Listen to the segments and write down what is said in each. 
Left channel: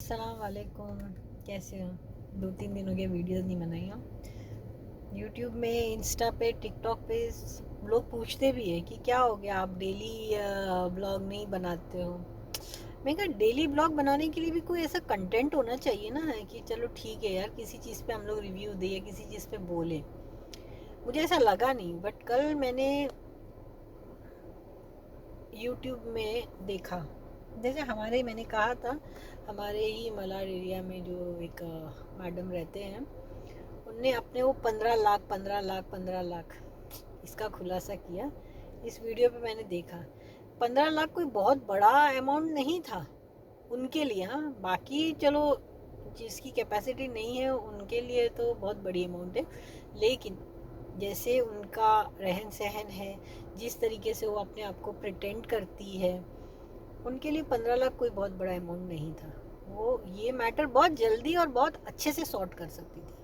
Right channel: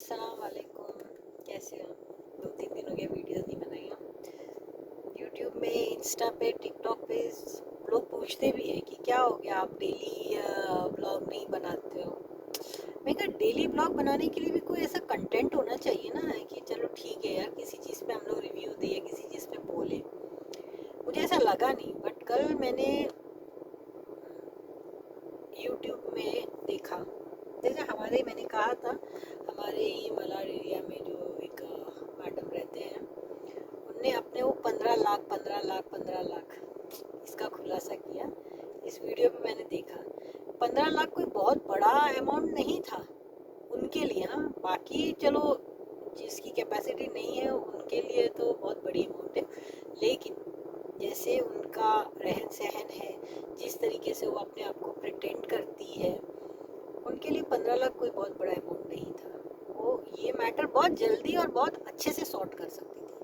अस्सलाम वालेकुम। कैसे हो? 2-3 दिन हो गए वीडियोस नहीं बनाई हूँ। यूट्यूब में, इंस्टा पे, टिकटॉक पे लोग पूछते भी हैं कि क्या हो गया, आप डेली ब्लॉग नहीं बनाते हो। मैं कहा डेली ब्लॉग बनाने के लिए भी कोई ऐसा कंटेंट होना चाहिए ना, कि चलो ठीक है यार, किसी चीज़ पे हम लोग रिव्यू दें या किसी चीज़ पे बोले। मुझे ऐसा लगा नहीं, बट कल मैंने यूट्यूब में देखा। जैसे हमारे, मैंने कहा था, हमारे ही मलाड एरिया में जो एक मैडम रहते हैं, उनने अपने वो 15 लाख 15 लाख 15 लाख इसका खुलासा किया। इस वीडियो पे मैंने देखा 15 लाख कोई बहुत बड़ा अमाउंट नहीं था उनके लिए। हाँ, बाकी चलो जिसकी कैपेसिटी नहीं है उनके लिए तो बहुत बड़ी अमाउंट है, लेकिन जैसे उनका रहन सहन है, जिस तरीके से वो अपने आप को प्रिटेंड करती है, उनके लिए 15 लाख कोई बहुत बड़ा अमाउंट नहीं था। वो ये मैटर बहुत जल्दी और बहुत अच्छे से सॉर्ट कर सकती थी।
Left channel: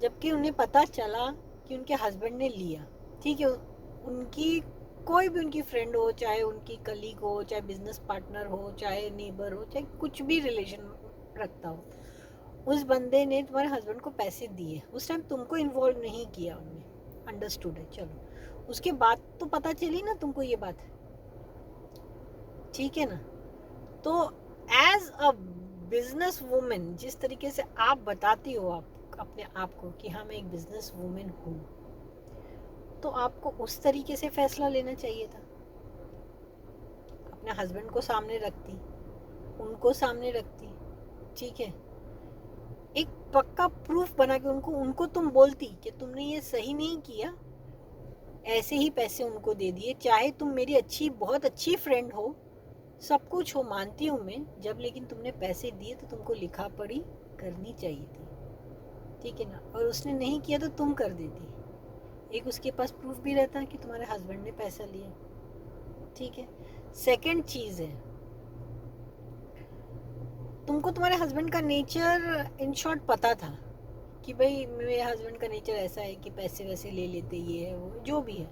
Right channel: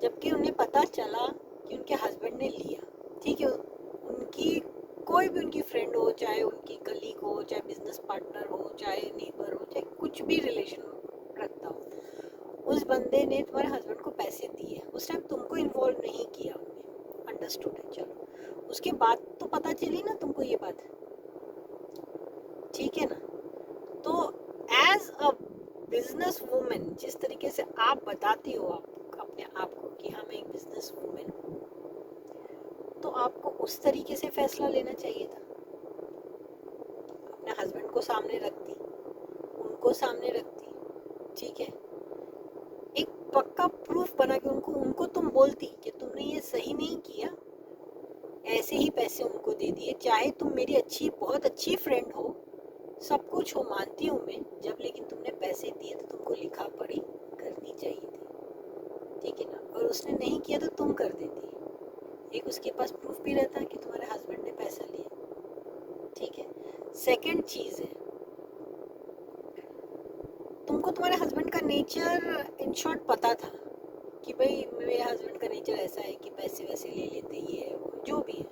जबकि उन्हें पता चला कि उनके हस्बैंड ने लिया, ठीक है, उनकी कोई भी उनकी फ्रेंड हो, चाहे उनकी कलीग हो, चाहे बिजनेस पार्टनर हो, चाहे नेबर हो, चाहे कुछ भी रिलेशन रखता हो, उस बंदे ने तुम्हारे हस्बैंड को पैसे दिए, उस टाइम तुमको इन्वॉल्व नहीं किया उनने, अंडरस्टूड है, चलो उसके बाद तो पता चली ना तुमको ये बात, ठीक है ना। तो एज अ बिजनेस वुमेन, जिस तरीके से आप बताती हो आप अपने आप को कि हाँ मैं एक बिजनेस वुमेन हूँ, तो आपको उस तरीके से फैसला लेना चाहिए था। अपने हस्बैंड को सामने रखती, उनको सामने रखती, ठीक है, एक पक्का प्रूफ बना के उनको उनको तुम बोलती कि तुमने ये सही नहीं किया, ऐसे ही पैसे उनको दे दिए, चाहे तुम मेरी अच्छी, बहुत अच्छी फ्रेंड हो, सब कुछ हो, मानती हूँ मैं, जब लेकिन तुमने पैसे दिए तो तुमको लिखा पढ़ी करनी चाहिए थी, ठीक है ना। और उसने नहीं किया तो तुम कर देती, एक उसके पास प्रूफ भी रहता कि तुम्हारे हस्बैंड ने पैसा लिया, ठीक है। सेकंड चीज़ है, तुमको तुम्हारे हस्बैंड का नेचर इन शॉर्ट पता था कि भाई मेरे हस्बैंड का नेचर ऐसा है कि पैसे वैसे ले लेते, ये है वो जो भी है।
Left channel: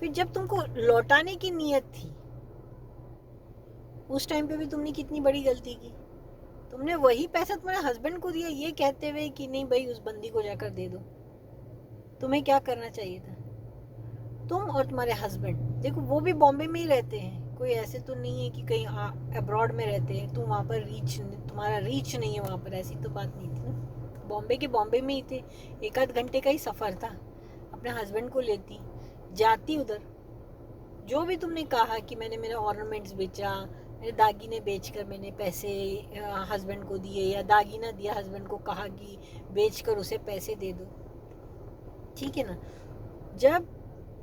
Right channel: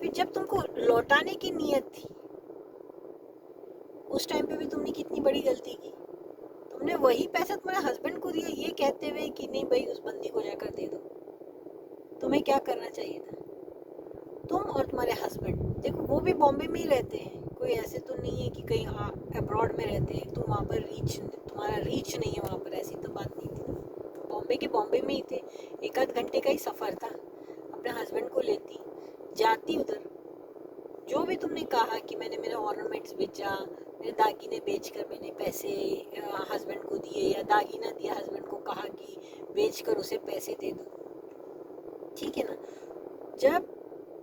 फिर जब तुमको लौटाने की नीयत थी, उस टाइम पे भी तुमने कितनी बड़ी गलती की। तुमने वही पैसा तुम्हारे हस्बैंड को दिया ये कहते हुए कि नहीं भाई उस बंदी को जाकर दे दो। तुम्हें क्या करना चाहिए था? तुम और तुम्हारे हस्बैंड, देखो वो भी बॉम्बे में ही रहते हैं, कोई ऐसे तो नहीं है कि कहीं अब्रॉड में रहते हैं, तुम वहाँ पर तुम्हारा रीच नहीं है वहाँ पर, ऐसी तो बात नहीं थी ना। बॉम्बे के बॉम्बे में ही थे, एक आध घंटे का ही सफ़र था, अपने हस्बैंड को लेती, जाती उधर, जो भी तुमने कहा कि मैंने मेरा ऑर्नामेंट्स बेचा, मेरे दागीने बेचकर मैंने पैसे हस्बैंड को दिए, या दागीना दिया हस्बैंड को, कहा कि बेचकर उसे पैसे दे दो, ठीक है ना। जब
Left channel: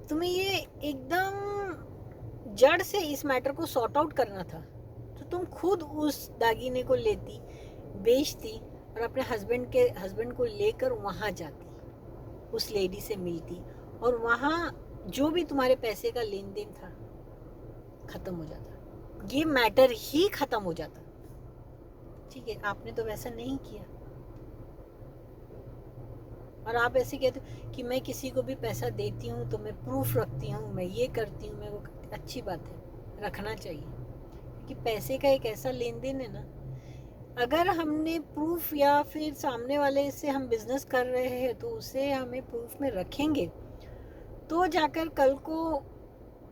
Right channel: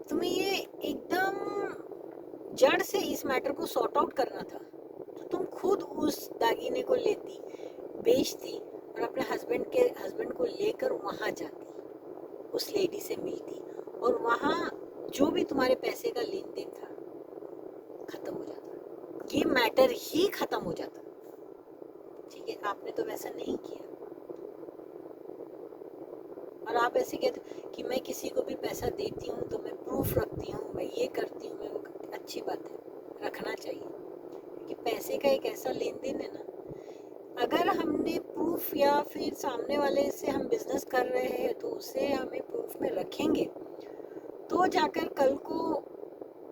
तुम्हें ये एकदम जड़ से इस मैटर को सॉर्ट आउट करना था, तो तुम खुद उस दागीने को लेती, बेचती, और अपने हस्बैंड को लेकर वहाँ जाती, उस लेडी से मिलती, और वहाँ जो भी तुम्हारे पैसे का लेन देन था खत्म हो जाता, ये मैटर ही खत्म हो जाता, ठीक है। आपने तो वैसा नहीं किया, और आप ऐसे कहते हो कि मैं किसी को भी पैसा देती हूँ तो मैं प्रूफ रखती हूँ, मैं ये करती हूँ, मैं वो करती, अच्छी बात है, रखना चाहिए, क्योंकि पैसे का एक ऐसा लेन देन है ना, अगर हमने प्रूफ, या फिर सामने वाले से हम बिजनेस कर रहे हैं तो उसे हमें प्रूफ में रखेंगे, तो जाकर कल को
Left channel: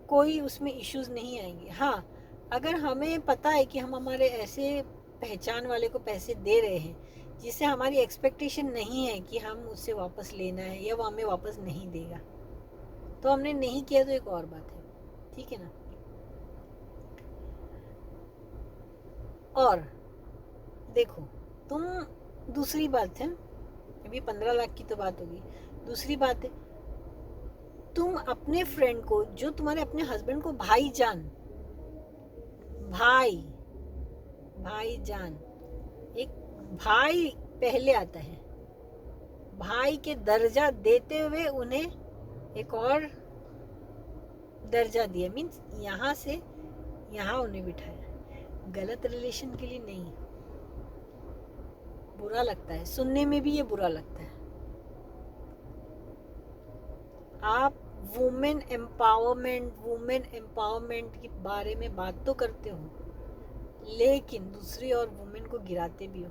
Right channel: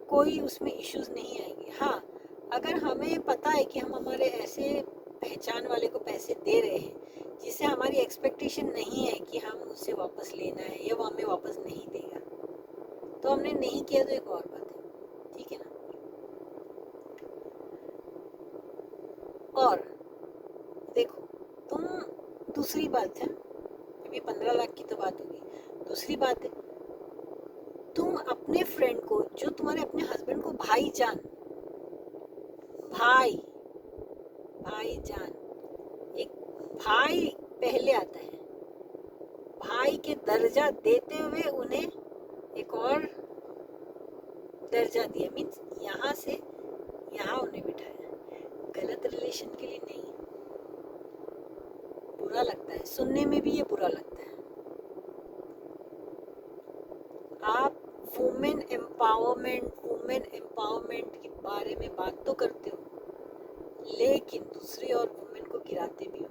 कोई उसमें इश्यूज नहीं आएंगे। हाँ, अगर हमें पता है कि हम हमारे ऐसे पहचान वाले को पैसे दे रहे हैं जिससे हमारी एक्सपेक्टेशन नहीं है कि हम उससे वापस लेना है या वो हमें वापस नहीं देगा, तो हमने नहीं किया तो एक और बात है, ठीक है ना। और देखो, तुम, दूसरी बात है, अभी 15 लाख की तो बात होगी, दूसरी बात है, तुम अपने फ्रेंड को, जो तुम्हारे अपने हस्बैंड को भाईजान, भाई, भाईजान, एक भाई पहले आता है, भाई के दर्जा देते हुए उन्हें एक और दर्जा दिया, मीन्स यहाँ से यहाँ उन्हें बिठाया, गलत रिलेशन के लिए नहीं। बुरा लगता है सुनने में भी, ये बुरा लगता है। आप वुमेन एम्पावरमेंट के बारे में बात तो करते हो, लेकिन दूसरी और वुमेन को गिराते भी हो।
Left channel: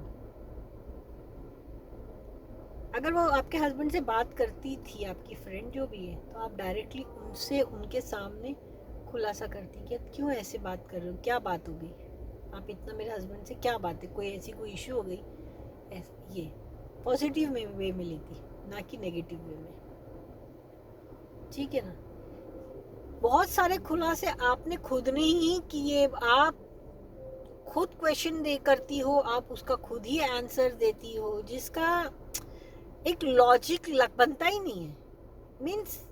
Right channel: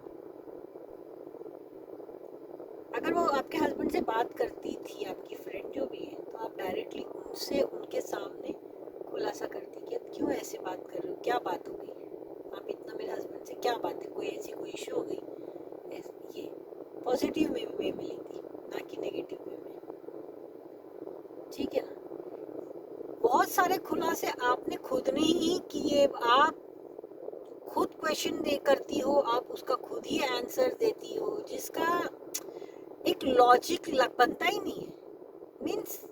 अगर वो आपके हस्बैंड से बात करती थी, आपकी फ्रेंड जो भी है, तो आप डायरेक्टली उनसे उनके सामने खुलासा करती कि आप क्यों ऐसे बात कर रहे हो, क्या बात हो गई, आप इतना मेरे हस्बैंड से क्या बात है, कोई ऐसी कोई इशू हो गई। ये पॉजिटिव वे में लेती, ना कि नेगेटिव वे में। ठीक है ना। बहुत सारे खुलासे आपने खुद ने ही किए, आप खुद क्वेश्चन दे करती हो, आप उसका खुद ही आंसर देती हो, जिसका एक लॉजिक बनता ही नहीं है। मीन्स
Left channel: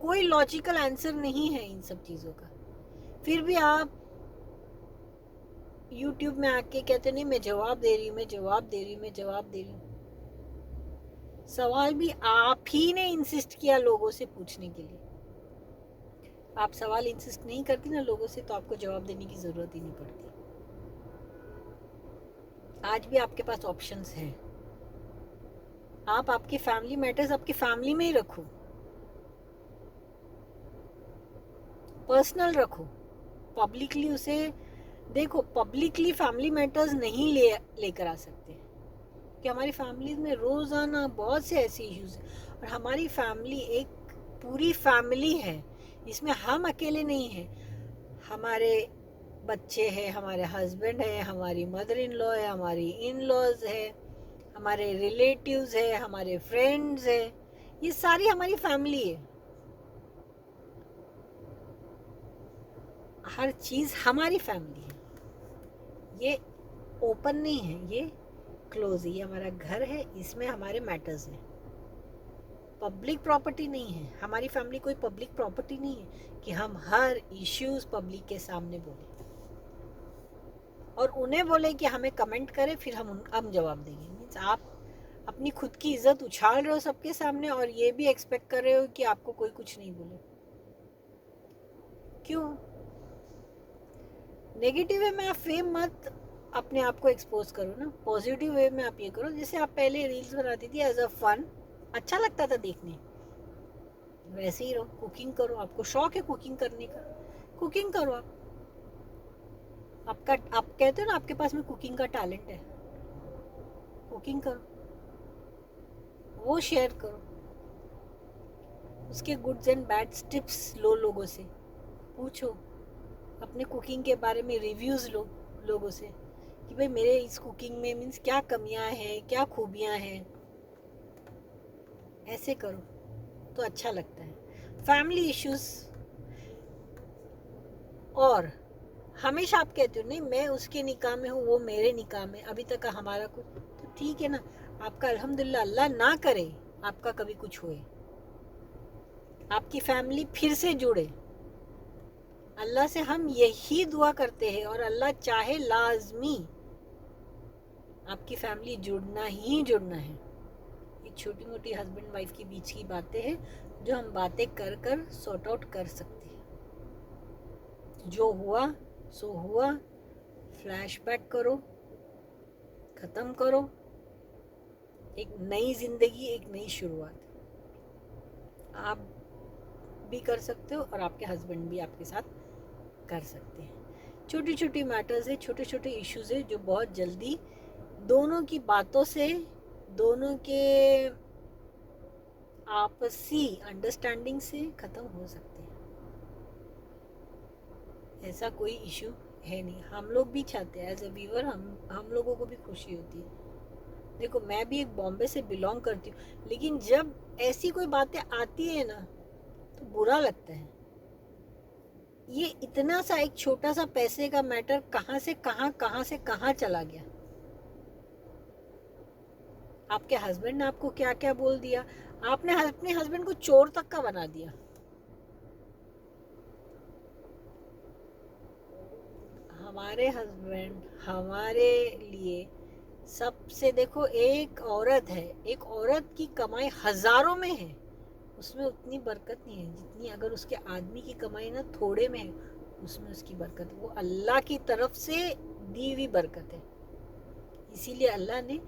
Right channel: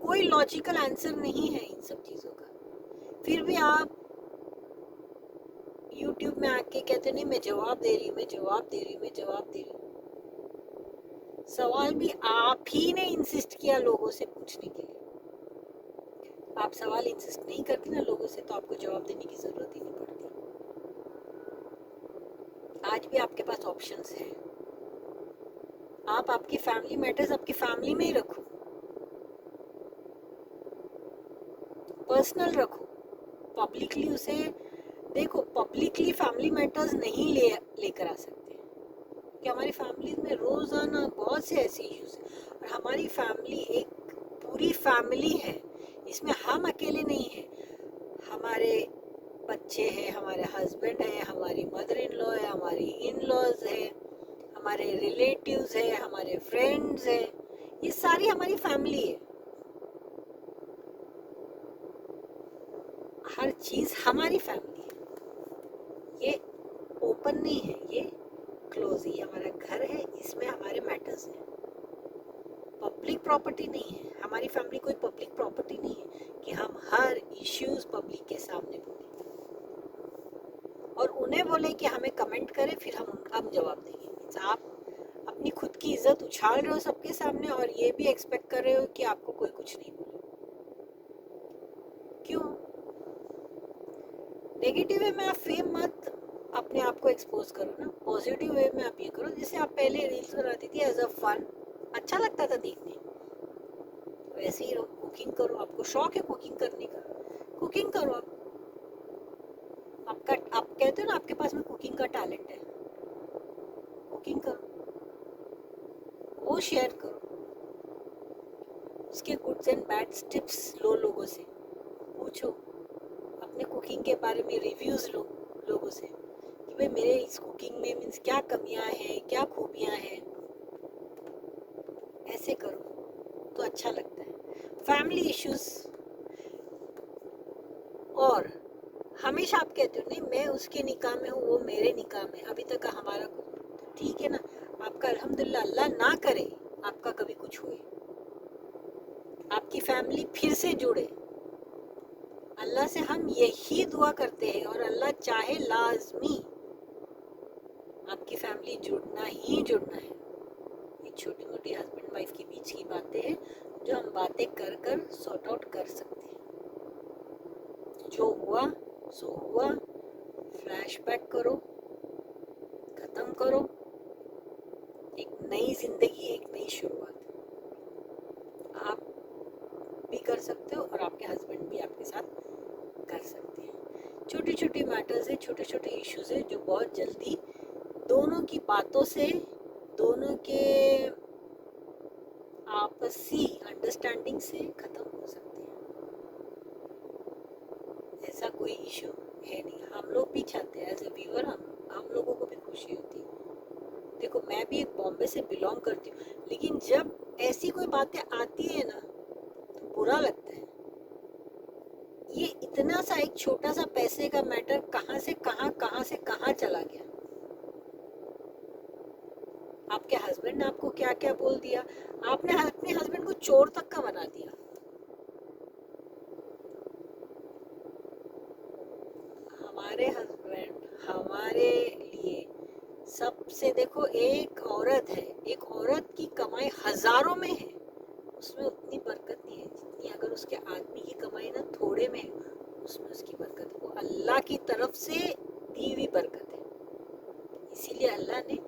कोई लॉजिकल आंसर नहीं है इन सब चीज़ों का। फिर भी आप यूट्यूब में आके कहते नहीं मैं जवाब दे रही हूँ, मैं जवाब दे रही हूँ, मैं जवाब दे रही हूँ। सवाल भी आप ही ने इंसिस्ट किया लोगों से पूछने के लिए। आप सवाल इंसिस्ट नहीं करती ना लोगों से, तो आपको जवाब देने की जरूरत ही नहीं पड़ती। आज भी आपके पास ऑप्शंस हैं। आप आपकी फैमिली मैटर्स आपकी फैमिली में ही रखो, पर्सनल रखो, पब्लिकली उसे देखो। पब्लिकली फैमिली मैटर्स नहीं लेकर आ सकते, कि हमारी फैमिली में रोजाना बहुत से ऐसे इश्यूज हैं, और हमारी फैमिली एक पूरी फैमिली है, इसमें हम अकेले नहीं हैं। हमारे बच्चे हैं, हमारे हस्बैंड है, हमारी मदर इन लॉ है, हमारी इन लॉज है, हमारे रिलेटिव्स है, हमारे फ्रेंड्स है, ये सारी हमारी फैमिली है। हर चीज हमारी फैमिली है। ये ओपन नहीं है, ये क्लोज है। ये हमारा घर है, इसमें हमारे मैटर्स हैं। पब्लिक प्रॉपर्टी नहीं है हमारी फैमिली, कोई पब्लिक प्रॉपर्टी नहीं है कि हम हर इश्यूज पब्लिक के सामने बोले और उन्हें बोले कि हमें कमेंट करें, फिर हम जवाब देंगे। मीन्स आप अपनी खुद की इज्जत उछाल रहे हो सबके सामने, और ये भी एक्सपेक्ट कर रहे हो कि आपको कोई कुछ नहीं बोले। क्यों? नेगेटिव वे में आप फेम मत अपने आप को एक्सपोज करो ना, पॉजिटिव वे में आप ये करो। जैसे आप पहले रील्स बनाती थी एज अ फन, अच्छा लगता था देखने, वैसे ही रहो। कुकिंग करो, आपको शौक है कुकिंग करने का, कुकिंग करो। आप कहते हो ना आपके पास में कुकिंग का टैलेंट है, कुकिंग करो, वो शेयर करो। उसके गुड्स एंड बैड्स टिप्स लो, लोगों से पूछो, अपने कुकिंग के बारे में रिव्यूज लो लोगों से, कि भाई मेरे इस कुकिंग में मीन्स क्या कमियां हैं, क्या खूबियां हैं। ऐसे करो तो अच्छा लगता है। फैमिली इश्यूज, और हमेशा आप कहते हो नहीं मैं उसके निकाह में हूँ, वो मेरे निकाह में, अभी तक हमारा कुछ, तो ठीक है ना। आपका अल्हम्दुलिल्लाह, अल्लाह ना करे आपका कभी कुछ होए, आपकी फैमिली फिर से जुड़े। अल्लाह से हम यही दुआ करते हैं, और अल्लाह चाहे लाजमी आपकी फैमिली जुड़ना ही जुड़ना है। ये छोटी मोटी हस्बैंड वाइफ के बीच की बातें हैं, जो हम बातें कर कर सॉर्ट आउट कर सकते हैं। जो हुआ सो हुआ, फ्लैशबैक करो, खत्म करो, एक नई जिंदगी, एक नई शुरुआत आप भी कर सकते हो, और आपके हस्बैंड भी आपके साथ कर सकते हैं। छोटी छोटी मैटर्स है, छोटे छोटे इश्यूज है, जो बहुत जल्दी दोनों की बातों से, दोनों के आपसी अंडरस्टैंडिंग से खत्म हो सकते हैं। ऐसा कोई इशू है नहीं। हम लोग भी चाहते हैं एज ए व्यूअर, हम लोगों को भी खुशी होती है। देखो मैं भी एक बॉम्बे से बिलोंग करती हूँ, लेकिन जब ऐसी कोई बातें आती है ना, तो बुरा लगता है। ये इतना सा एक छोटा सा पैसे का मैटर कहाँ से कहाँ चला गया। आपके हस्बैंड ने आपको क्या क्या बोल दिया, आपने अपने हस्बैंड को चोर तक का बना दिया। हमारे हस्बैंड हमारे लिए सबसे, देखो एक औरत है, एक औरत की कमाई हजारों में है, उसमें उतनी बरकत नहीं है जितनी अगर उसके आदमी की कमाई ना थोड़े में है, उसमें उसकी बरकत, वो अल्लाह की तरफ से दी हुई बरकत है। इसीलिए अल्लाह ने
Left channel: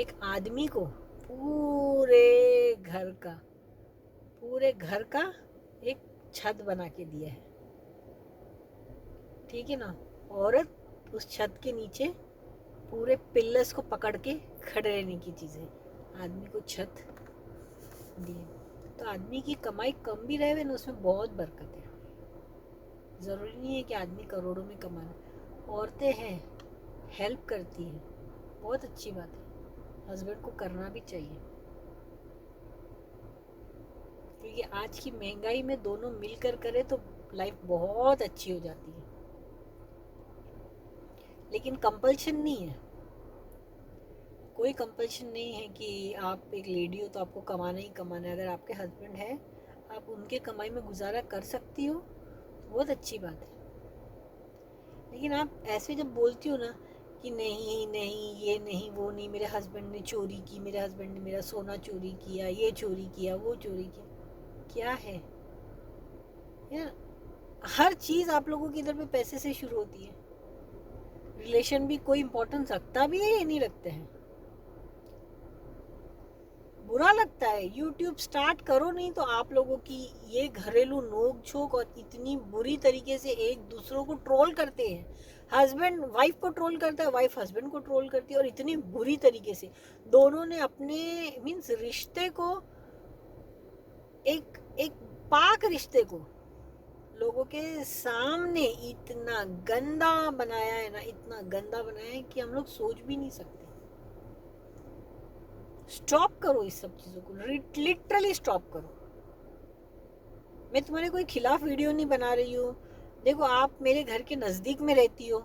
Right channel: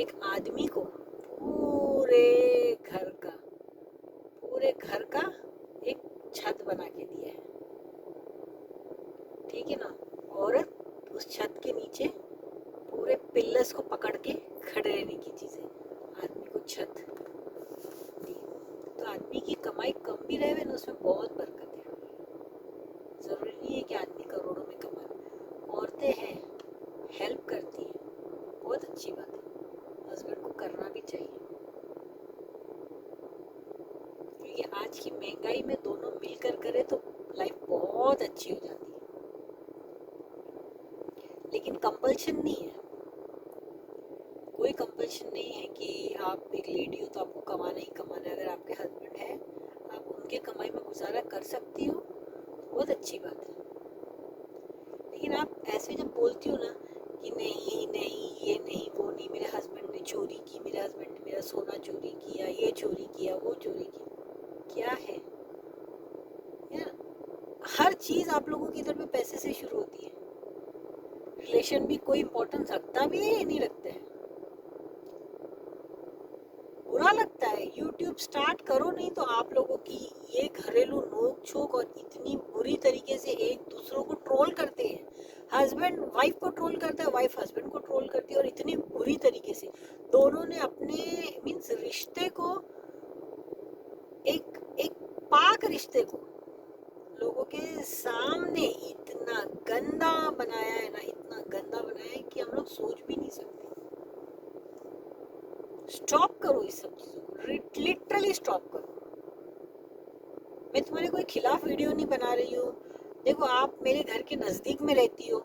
एक आदमी को पूरे घर का एक छत बना के दिया है। ठीक है ना। औरत उस छत के नीचे पूरे पिलर्स को पकड़ के खड़े रहने की चीज़ें, आदमी को छत दी। तो आदमी की कमाई कम भी रहे ना, उसमें बहुत बरकत है। ज़रूरी नहीं है कि आदमी करोड़ों में कमा रहे। औरतें हैं, हेल्प करती हैं, बहुत अच्छी बात है, हस्बैंड को करना भी चाहिए, क्योंकि आज की महंगाई में दोनों मिलकर करें तो लाइफ बहुत अच्छी हो जाती है। लेकिन कंपल्शन नहीं है, कोई कंपल्शन नहीं है कि आप एक लेडी हो तो आपको कमाना ही कमाना है। अगर आपके हस्बैंड है, आप उनके कमाई में गुजारा कर सकती हो, बहुत अच्छी बात है। लेकिन आप ऐसे जब बोलती हो ना कि नहीं नहीं, ये नहीं, वो नहीं, मेरे हस्बैंड ने चोरी की, मेरे हस्बैंड ने मेरा सोना चोरी किया, ये चोरी किया, वो चोरी किया, क्या है यार? हर चीज़ आप लोगों की इधर में पैसे से शुरू होती है। रिलेशन भी कोई इम्पोर्टेंस रखता भी है या नहीं रखते हैं? बुरा लगता है। यूट्यूब स्टार्ट करो नहीं तो आप लोगों की ये घरेलू नोक झोंक और इतनी बुरी तरीके से एक दूसरों को ट्रोल करते हैं। हस्बैंड वाइफ को ट्रोल करता है, वाइफ हस्बैंड को ट्रोल करती है, और इतनी बुरी तरीके से दोनों ने अपने मीन्स रिश्ते को, एक एक पाक रिश्ते को लोगों के सामने इतना गंदा बनाया है ना, इतना गंदा बनाया है कि हम लोग सोच भी नहीं सकते। स्टॉप करो इस सब चीज़ों को, लिटरली स्टॉप करो। मैं तुम्हारे कोई खिलाफ वीडियो नहीं बना रही हूँ। देखो, आप मेरे घर के नज़दीक में रहती हो,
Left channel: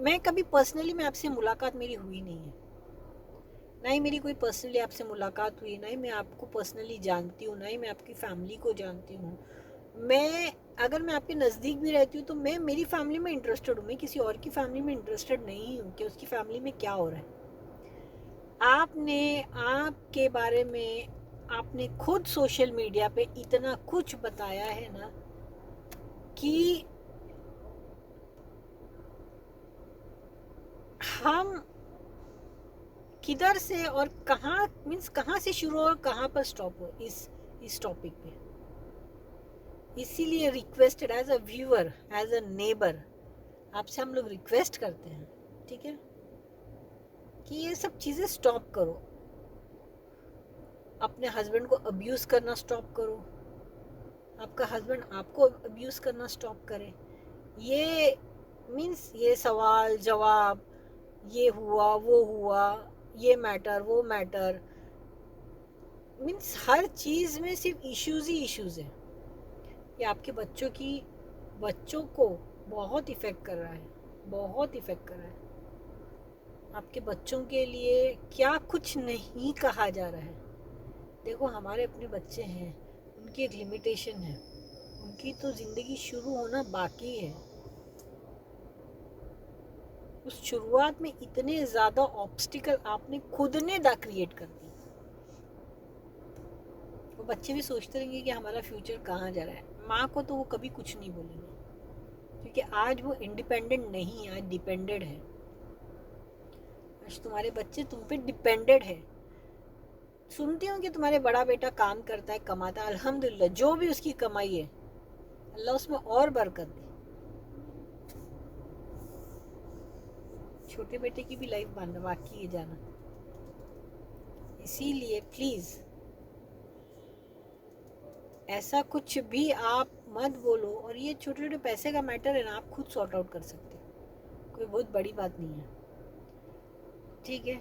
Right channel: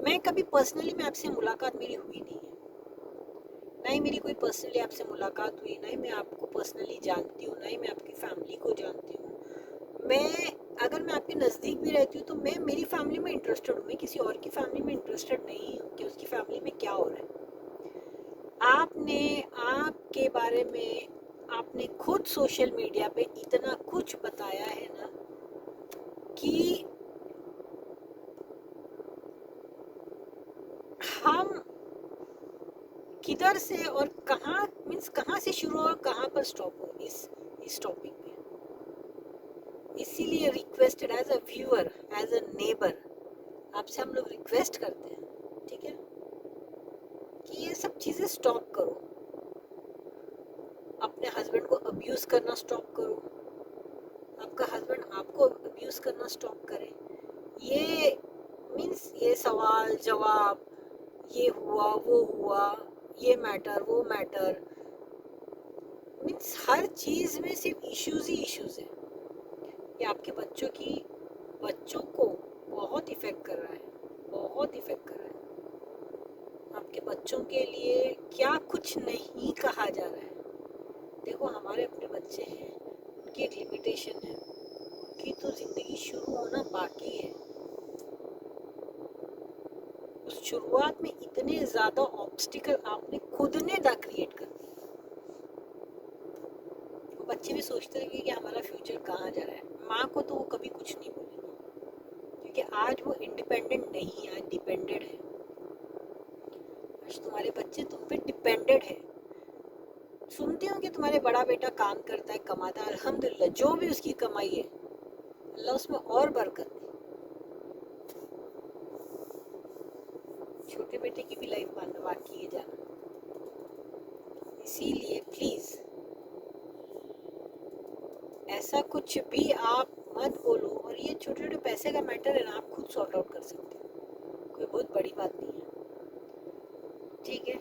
मैं कभी पर्सनली में आपसे मुलाकात मेरी हुई नहीं है, ना ही मेरी कोई पर्सनली आपसे मुलाकात हुई, ना ही मैं आपको पर्सनली जानती हूँ, ना ही मैं आपकी फैमिली को जानती हूँ। मैं अगर मैं आपके नज़दीक भी रहती हूँ तो मैं मेरी फैमिली में इंटरेस्टेड हूँ, मैं किसी और की फैमिली में इंटरेस्टेड नहीं हूँ कि उसकी फैमिली में क्या हो रहा है। आपने आपके बारे में आपने खुद सोशल मीडिया पे इतना कुछ बताया है ना कि हम किधर से और कहाँ, मीन्स कहाँ से शुरू हो और कहाँ पर स्टॉप हो इस टॉपिक पे। इसीलिए requested as a viewer, as a neighbour, आपसे हम लोग रिक्वेस्ट करते हैं, ठीक है, कि ये सब चीज़ें स्टॉप करो। अपने हस्बैंड को अब्यूज़ करना स्टॉप करो, आपका हस्बैंड आपको अब्यूज़ करना स्टॉप करे। ये मीन्स ये सवाल जवाब, ये हुआ वो हुआ, ये मैटर वो मैटर, मीन्स हर चीज़ में सिर्फ इश्यूज़ ही इश्यूज़ है। ये आपके बच्चों को बहुत इफ़ेक्ट कर रहा है, बहुत इफ़ेक्ट कर रहा है। आपके बच्चों के लिए क्या कुछ नहीं कहा जा रहा है। देखो, हमारे अपने बच्चे हैं, उनकी एक लिमिटेशन है, उनकी तो ज़िंदगी शुरू होना बाकी है। उस शुरुआत में इतने ज़्यादा ऑब्स्टिकल आपने खुद ने क्रिएट कर दिए। वो बच्चे भी सोचते रहेंगे कि हमारा फ्यूचर कहाँ जा रहा है। माँ को तो वो कभी कुछ नहीं बोलेंगे, क्योंकि आज वो इंडिपेंडेंट नहीं, आज डिपेंडेड है। आज तुम्हारे बच्चे तुम पे डिपेंडेड है। सुनती हूँ कि तुम्हारे बड़ा बेटा काम करता है, कमाता है, अल्हम्दुलिल्लाह, जो भी उसकी कमाई है अल्लाह उसमें और बरकत दे। छोटे बेटे की भी लाइफ बाकी है जाना। इसीलिए प्लीज़ ऐसा कुछ भी आप मत बोलो। और ये छोटे छोटे पैसे का मैटर है ना, आप खुद सॉर्ट आउट कर सकते हो, कोई बहुत बड़ी बात नहीं है, ठीक है।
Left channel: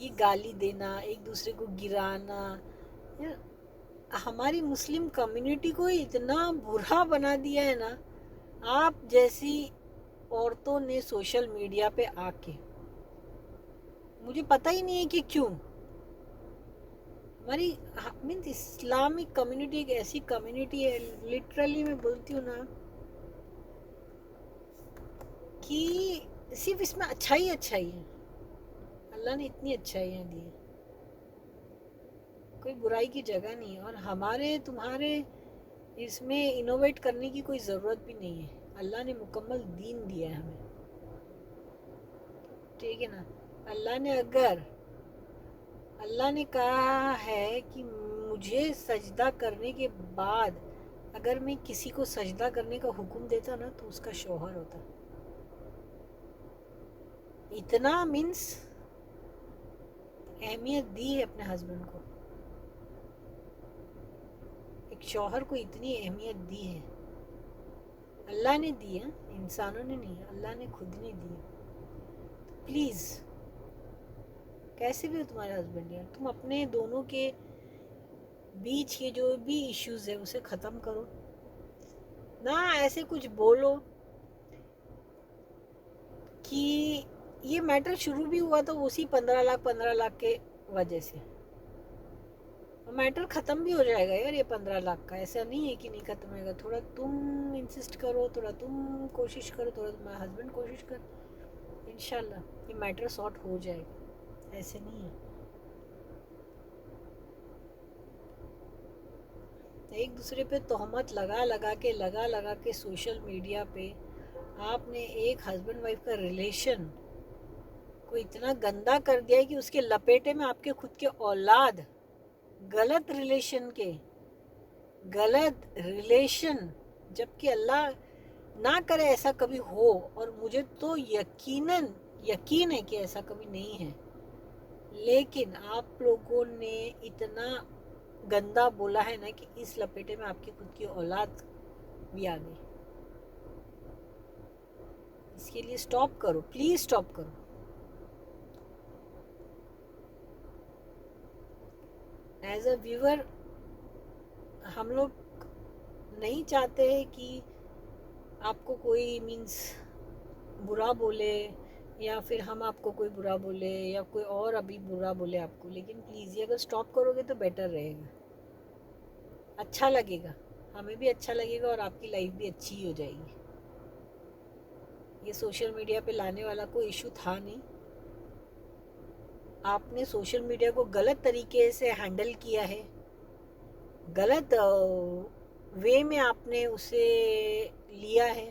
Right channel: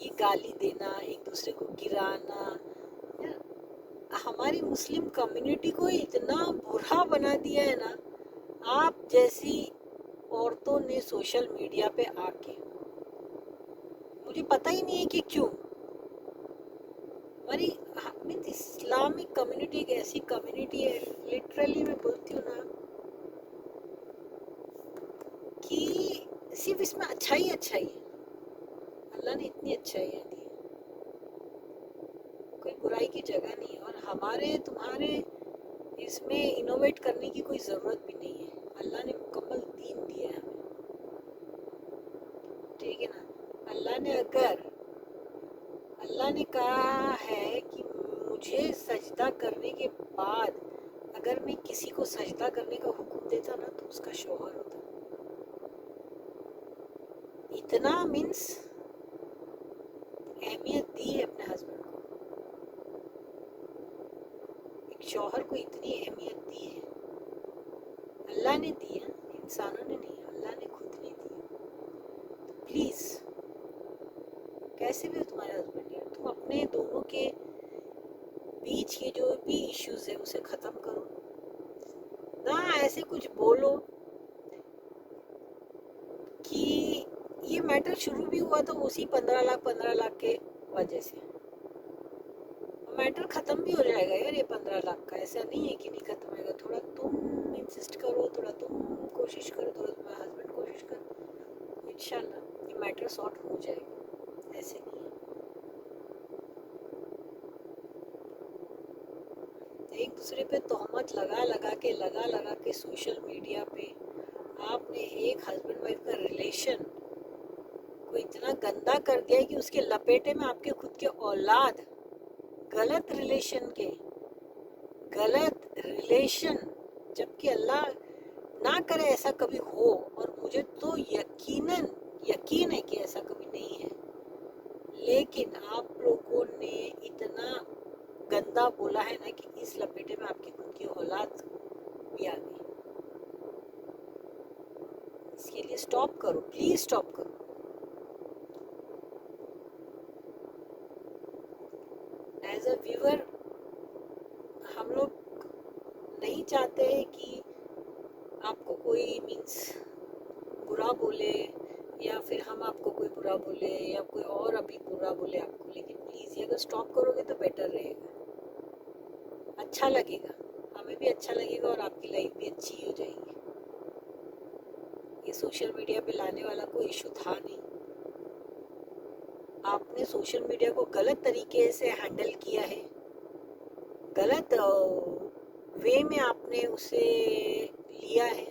ये गाली देना, एक दूसरे को गिराना, हमारी मुस्लिम कम्युनिटी को इतना बुरा बना दिया है ना, आप जैसी औरतों ने सोशल मीडिया पे आके, मुझे पता ही नहीं है कि क्यों। हमारी मीन्स इस्लामिक कम्युनिटी एक ऐसी कम्युनिटी है, लिटरली मैं बोलती हूँ ना कि सिर्फ इसमें अच्छा ही है। अल्लाह ने इतनी अच्छाइयाँ दी है, कोई बुराई की जगह नहीं है। और हमारे तुम्हारे इसमें इनोवेट करने की कोई ज़रूरत भी नहीं है। अल्लाह ने मुकम्मल दीन दिया है हमें, ठीक है ना। अल्लाह ने कहा है कि मुझे सजदा करने के बाद अगर मैं किसी को सजदा करने का हुक्म देता ना तो उसका शौहर होता। इतना मीन्स अहमियत दी है अपने हस्बैंड को, एक शौहर को इतनी अहमियत दी है। अल्लाह ने दी है, इंसानों ने नहीं, अल्लाह ने खुद ने दी है। प्लीज़, कैसे भी तुम्हारे हस्बैंड है, तुम अपने दोनों के बीच के जो भी इश्यूज है उसे ख़त्म करो ना। ऐसे कुछ बोलो कि ये मैटर शुरू भी हुआ था उसी 15 लाख के वजह से, मैटर ख़त्म भी हो जाएगा यार। ये 15 लाख का ऐसा नहीं है कि नहीं ख़त्म होगा। थोड़ा तुम इंसिस्ट करो, थोड़ा तुम कोशिश करो, थोड़ा तुम्हारा हस्बैंड कोशिश कर, इंशाल्लाह ये मैटर सॉर्ट हो जाएगा। ऐसे नहीं है। एक दूसरे पे तोहमत लगा लगा के सोशल मीडिया पे आपने एक हस्बैंड वाइफ का रिलेशन को इतना गंदा कर दिया है कि उसके लपेटे में आपके खुद के औलाद, गलत रिलेशन, जबकि अल्लाह ना करे ऐसा कभी हो, और मुझे तो यकीन है कि ऐसा कभी नहीं है, लेकिन आप लोगों ने इतना गंदा बोला है ना कि इस लपेटे में आपकी खुद की औलाद भी आ गई। इसके लिए स्टॉप करो, प्लीज स्टॉप करो। एज अ व्यूअर हम लोग नहीं चाहते हैं कि आपको कोई मीन्स बुरा बोले, या फिर हम आपको कोई बुरा बोले, या कोई और अभी बुरा बोले आपको, लेकिन प्लीज़ ये अगर स्टॉप करोगे तो बेटर रहेगा, अच्छा लगेगा, हमें भी अच्छा लगेगा और आपकी लाइफ भी अच्छी हो जाएगी। ये सोशल मीडिया पे लाने वाला कोई इशू था नहीं, आपने सोशल मीडिया को गलत तरीके से हैंडल किया है, गलत वे में आपने उसे लिया है।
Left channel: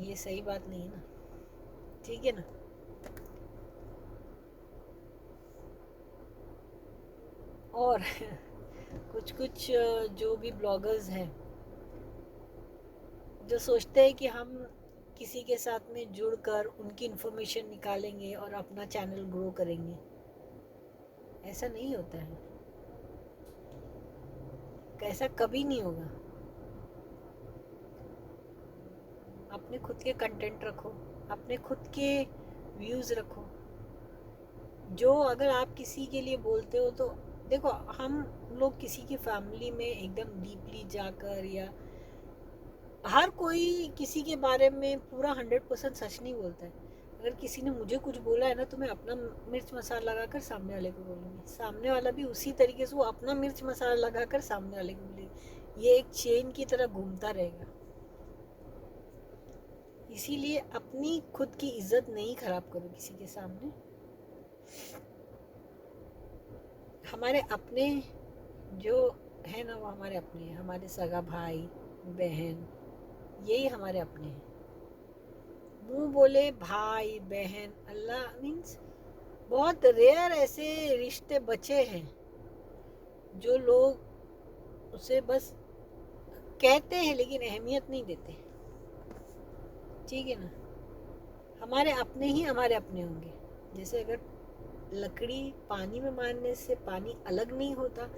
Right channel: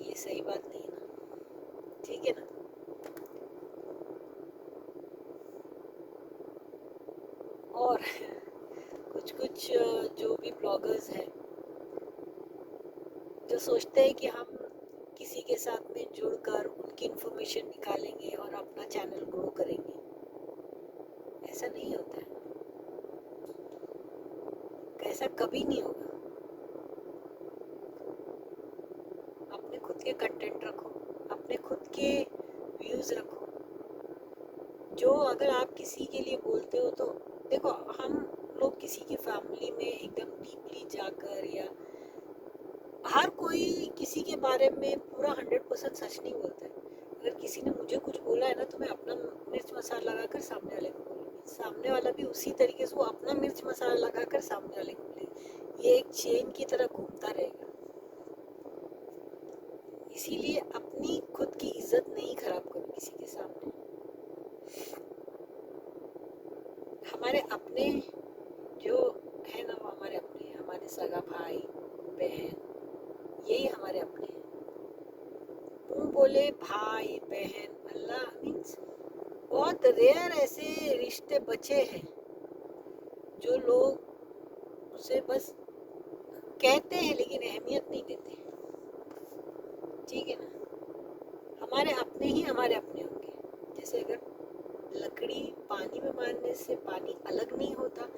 ये सही बात नहीं है ना, ठीक है ना। और कुछ जो भी ब्लॉगर्स हैं जो सोचते हैं कि हम किसी के साथ में जुड़कर उनकी इन्फॉर्मेशन निकालेंगे और अपना चैनल ग्रो करेंगे, ऐसा नहीं होता है, ऐसा कभी नहीं होगा। अपने खुद के कंटेंट रखो, अपने खुद के व्यूज़ रखो। जो अगर आप किसी के लिए बोलते हो तो देखो, हम लोग किसी की फैमिली में एकदम डीपली जाकर, या हर कोई किसी के बारे में पूरा 100% सच नहीं बोलता है। अगर किसी ने मुझे कुछ बोला है ना तो मैं अपना मिर्च मसाला लगाकर सामने वाले को बोलूँगी, सामने वाला भी उसी तरीके से वो अपना मिर्च मसाला लगाकर सामने वाले को बोलेगी। ये एक चेन की तरह घूमता रहेगा। इसीलिए अपनी खुद की इज्जत नहीं खराब करो किसी के सामने। हमारे अपने जो है ना वो हमारे अपने हैं, हमारे सगा भाई बहन, यही हमारे अपने हैं। मुंह बोले भाई बहन, अल्लाह मीन्स बहुत रेयर ऐसे रिश्ते बचे हैं जो लोग उसे बस कहते हैं लेकिन अहमियत नहीं देते, ठीक है ना। हमारे अपने ही हमारे अपने होंगे। जैसे अगर लकड़ी पानी में मारने से पानी अलग नहीं होता,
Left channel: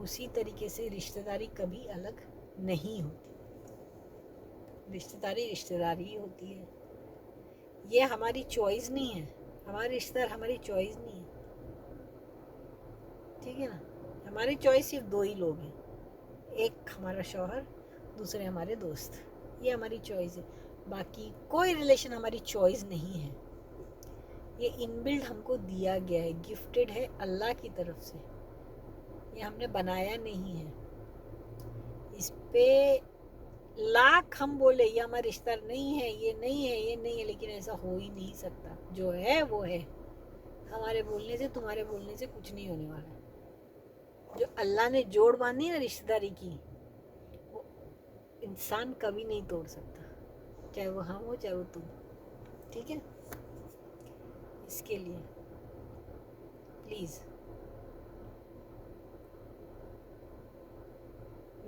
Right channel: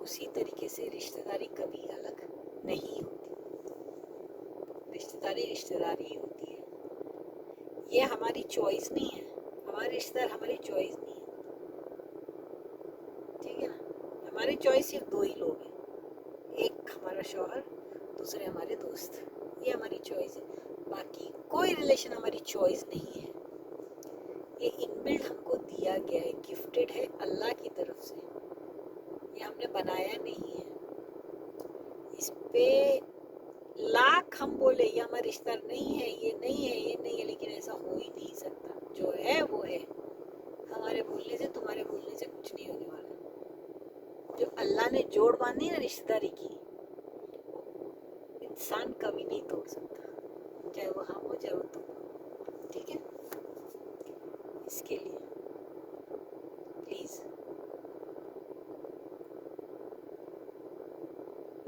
उसी तरीके से रिश्तेदारी कभी अलग नहीं होती। रिश्तेदारी रिश्तेदारी ही होती है। ये हमारी चॉइस नहीं है, हमारे रिश्तेदार हमारी चॉइस नहीं है, ठीक है ना। हमारी चॉइस सिर्फ दो ही लोग हैं, एक हमारा शौहर, दूसरे हमारे दोस्त, ये हमारी चॉइस है। बाकी कोई रिलेशन हमारी चॉइस नहीं है। ये इनबिल्ट हमको दिया गया है, गिफ्टेड है अल्लाह की तरफ से, ये हमने बनाया नहीं है। इस पे लाख हम बोले ये हमारा रिश्ता नहीं है, ये नहीं है, ये नहीं है, लेकिन ऐसा हो ही नहीं सकता। जो है वो है। हमारे बोलने से, तुम्हारे बोलने से कुछ नहीं होने वाला। जो अल्लाह ने जोड़ बांधी है ना रिश्तेदारी की, वो इंसान कभी नहीं तोड़ सकता, चाहे वो हम हो चाहे वो तुम, ठीक है। इसके लिए प्लीज़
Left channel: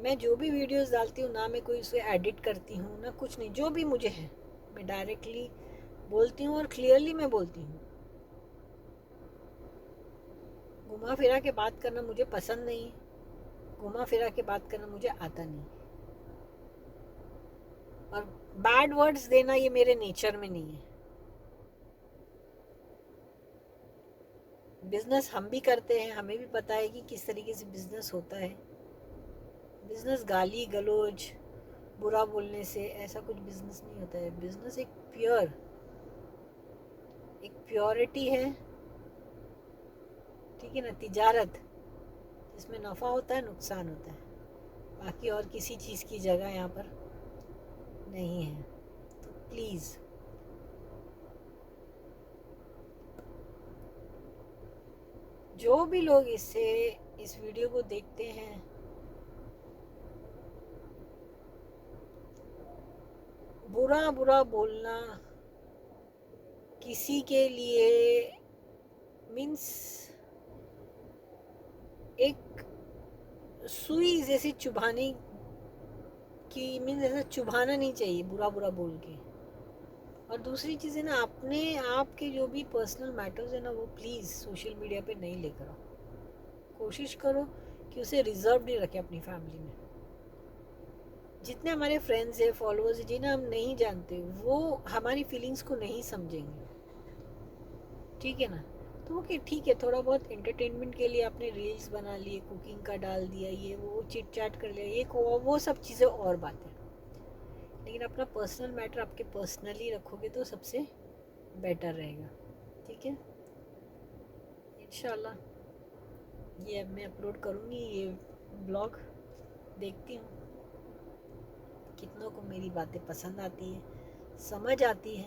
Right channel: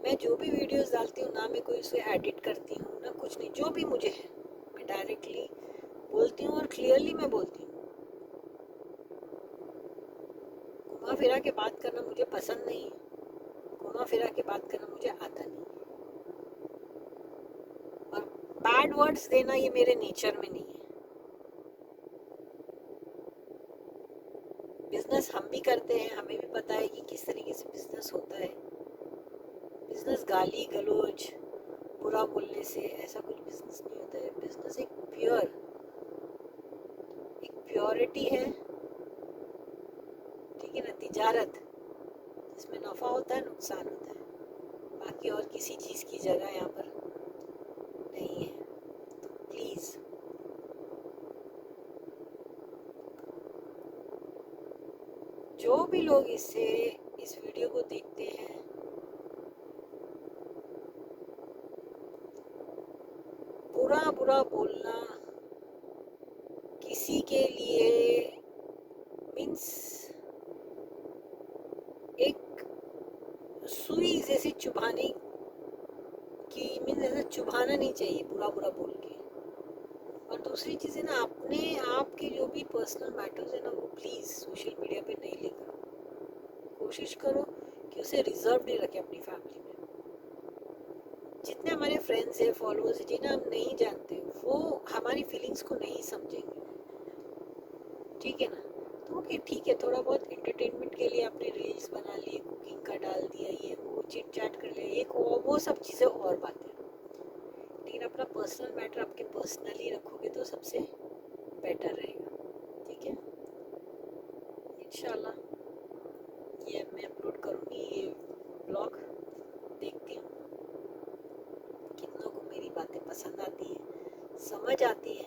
मैं जो भी वीडियोस डालती हूँ ना मैं कोई उसे एडिट करती हूँ ना कुछ नहीं, जो भी मुझे है मैं डायरेक्टली बोलती हूँ और क्लियरली मैं बोलती हूँ। घुमा फिरा के बात करना मुझे पसंद नहीं, घुमा फिरा के बात करना मुझे आता नहीं, और बैड वर्ड्स देना ये मेरे नेचर में नहीं है। बिजनेस हम भी करते हैं, हमें भी पता है कि किस तरीके से बिजनेस होता है। बिजनेस गाली गलौज बुरा बोलने से ऐसा कुछ बिजनेस नहीं होता है। बिजनेस एक प्योरिटी है, ठीक है ना, तिजारत जिसमें नफ़ा होता है नुकसान होता है, बाकी और किसी चीज़ की जगह यहाँ पर नहीं है। तो प्लीज़ जो भी लोग इस वीडियो को देखते हैं, बुरा बुरा बोलना किसी के लिए मीन्स एक सुई जैसे चुभाने की, मीन्स ऐसा चुभाना नहीं चाहिए बुरा बुरा बोल के। और दूसरी चीज़ है ना, अपने आप के जो भी पर्सनल मैटर्स है ना वो प्लीज़ सोशल मीडिया पे नहीं लेकर आओ। कोशिश करो कि उसे रिजर्व नहीं रखें अपनी फैमिली में। जितने हमारे फ्रेंड्स हैं, फॉलोअर्स हैं, जिन्हें हम नहीं जानते वो हमारी फीलिंग्स को नहीं समझेंगे, ठीक है ना। तो ओके ठीक है, थोड़ा बहुत एंटरटेनमेंट के लिए आपने रील्स बना लिए, कुकिंग का डाल दिया, ये वो चिट चैट कर लिया, ये वो सब चीज़ें और बातें, लेकिन अपना पर्सनल मैटर आपके पर्सनली रखोगे तो सबसे बेटर रहेगा, ठीक है। इंशाल्लाह ये अब मैं अपलोड करूँगी ये ब्लॉग, देखती हूँ कितनों को मेरी बातें पसंद आती है, समझ आती है,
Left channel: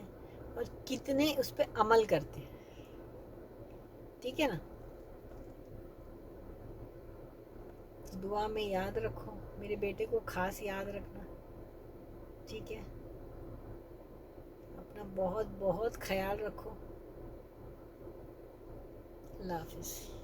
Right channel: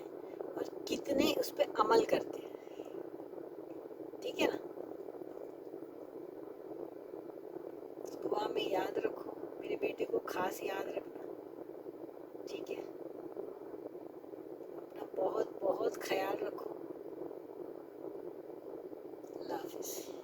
और कितने उस पर अमल करते हैं, ठीक है ना। दुआ में याद रखो, मेरे बेटे को खास याद रखना, ठीक है। अपना बहुत बहुत ख्याल रखो। अल्लाह हाफिज़।